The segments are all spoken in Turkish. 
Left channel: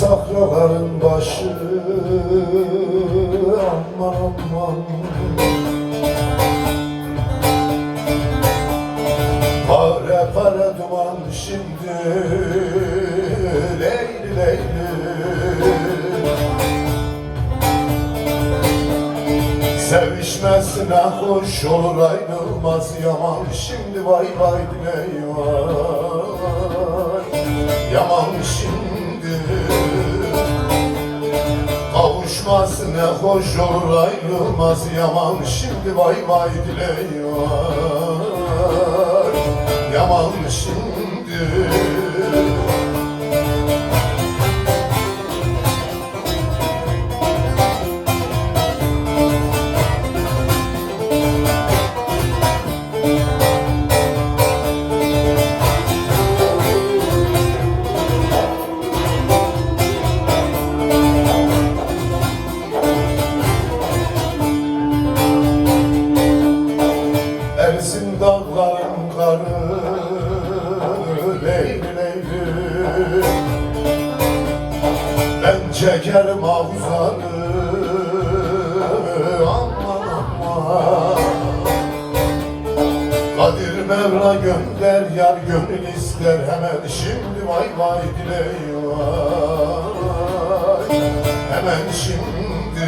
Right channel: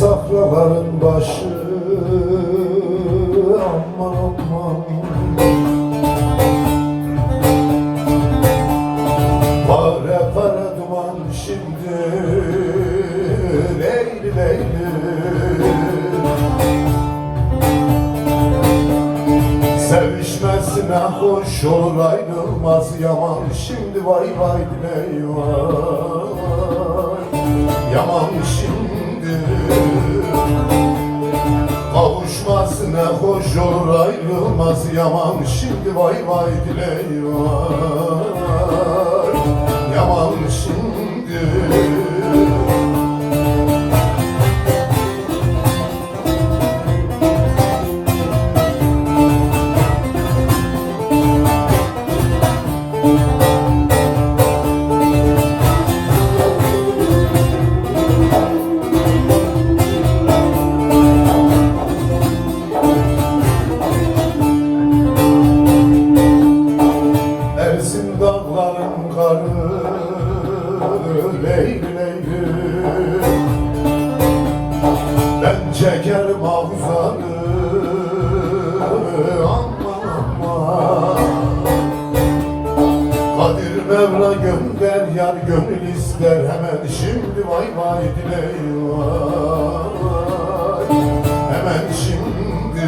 Safraların başı aman aman, pare pare duman şimdi leyli leyli. Sevişmesine hoş olur ayrılmaz yaman şimdi, vay vay diley vay yaman şimdi. Kavuşmasına hoş olur ayrılmaz yaman şimdi, vay vay diley vay yaman şimdi. Ersin dağların karı leyli leyli, ben çekerim ağuzanı aman aman. Kadir Mevla gönder yar gönül ister hemen şimdi, vay vay diley vay hemen şimdi.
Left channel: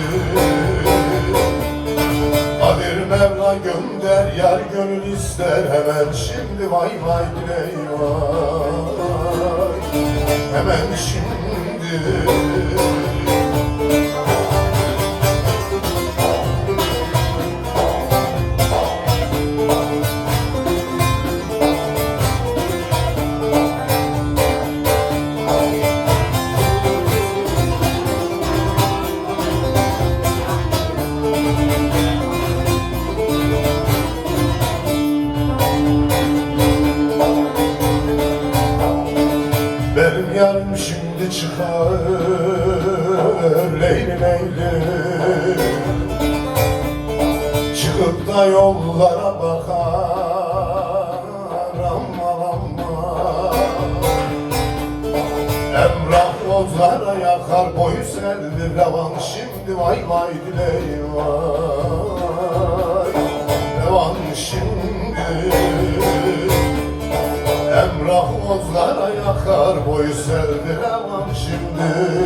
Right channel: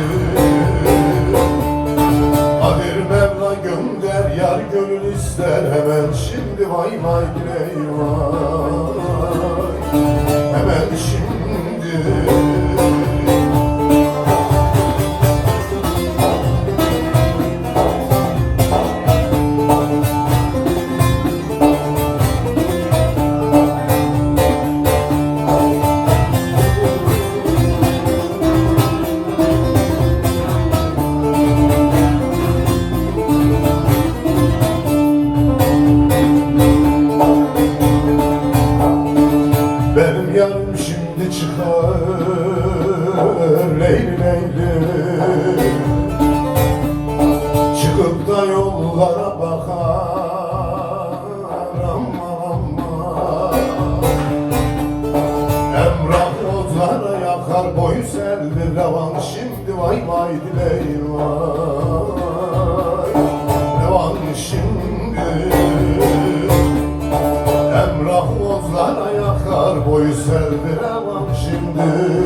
Kadir Mevla gönder yar gönül ister hemen şimdi, vay vay diley vay hemen şimdi. Benim yarım şimdi çıkar leyli leyli, çıkıp da yollara bakar aman aman. Emrah ozlara yakar boyu selvi revan şimdi, vay vay diley vay revan şimdi. Emrah ozlara yakar boyu selvi revan şimdi.